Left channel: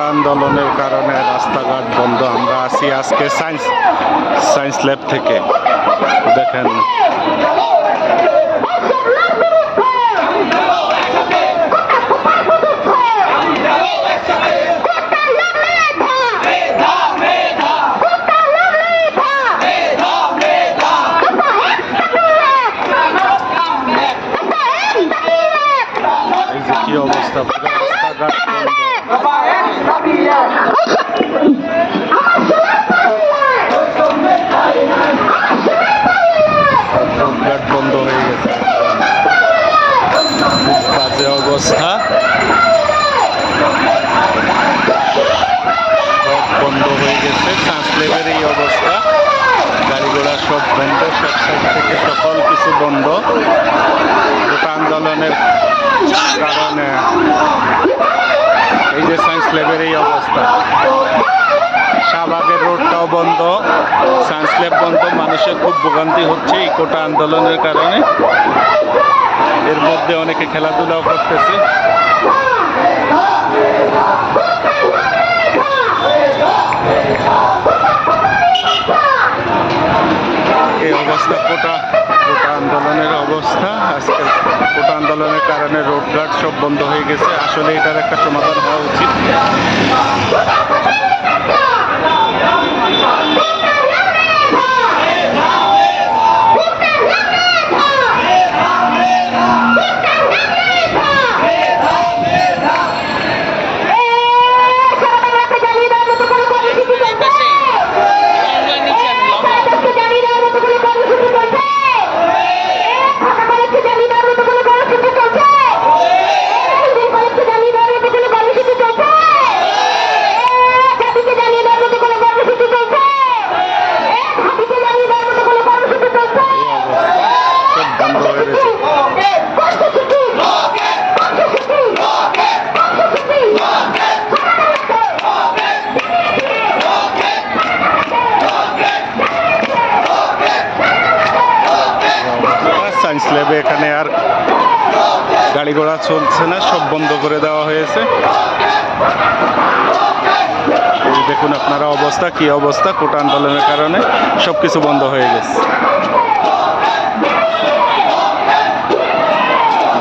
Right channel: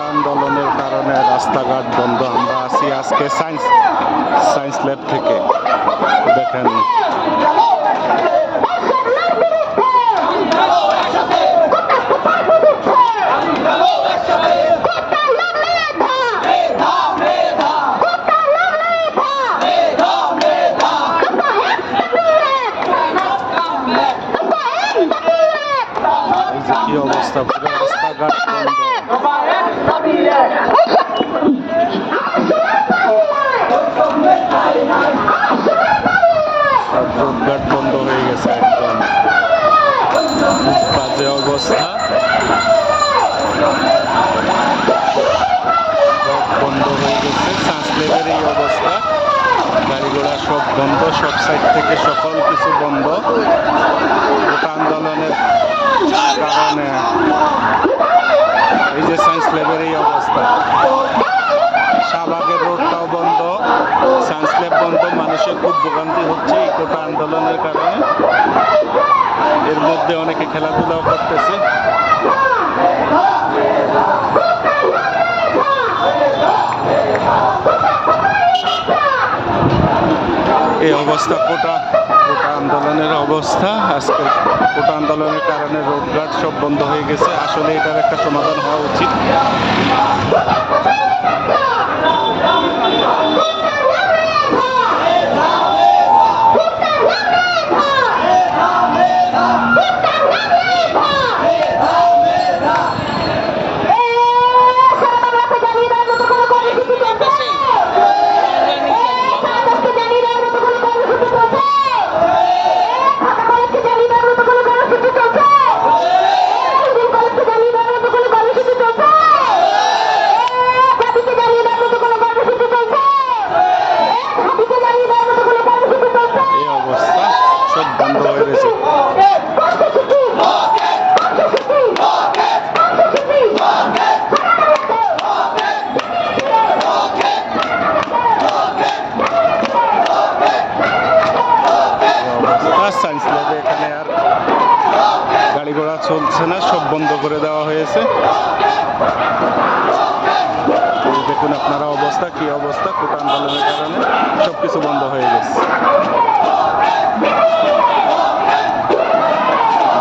কোটা আন্দোলনের কারণে রাস্তাঘাট বন্ধ। আমরা আছি আজকে সায়েন্স সায়েন্স ল্যাব থেকে। দেখেন। কি অবস্থা? রাস্তাঘাট বন্ধ। বন্ধ হয়ে গেছে খুব অবস্থা। সব বন্ধ হয়ে গেছে ট্রান্সলেবের এই অবস্থা। গাড়ি ঘোড়া সব বন্ধ, সব সাইড থেকে সকল কিছু বন্ধ। গোটা আন্দোলনের কারণে। এই যে সায়েন্স ল্যাবের এই অবস্থা। শাহবাগের রোডটাও বন্ধ। সায়েন্স ল্যাব বন্ধ, মানুষের খুব ভোগান্তি হচ্ছে এই কোটা আন্দোলনের কারণে। এর মধ্যে অনেকে খেলাধুলাও করতেছে। এই অবস্থা কোটা কোটা। আন্দোলনের অবস্থা। আজকে কোটা আন্দোলনের কারণে রোডঘাট সব বন্ধ হয়ে গেছে। আসলে এটার একটা সমাধান হওয়া উচিত। বন্ধ হয়ে গেছে। সায়েন্স ল্যাবে এখানে আর গাড়ি ঘোড়া চলছে না, সব বন্ধ করে দেওয়া হয়েছে। দেখুন আপনারা অবস্থা, কি অবস্থা কোটা আন্দোলনের কারণে সব কিছু বন্ধ হয়ে গেছে।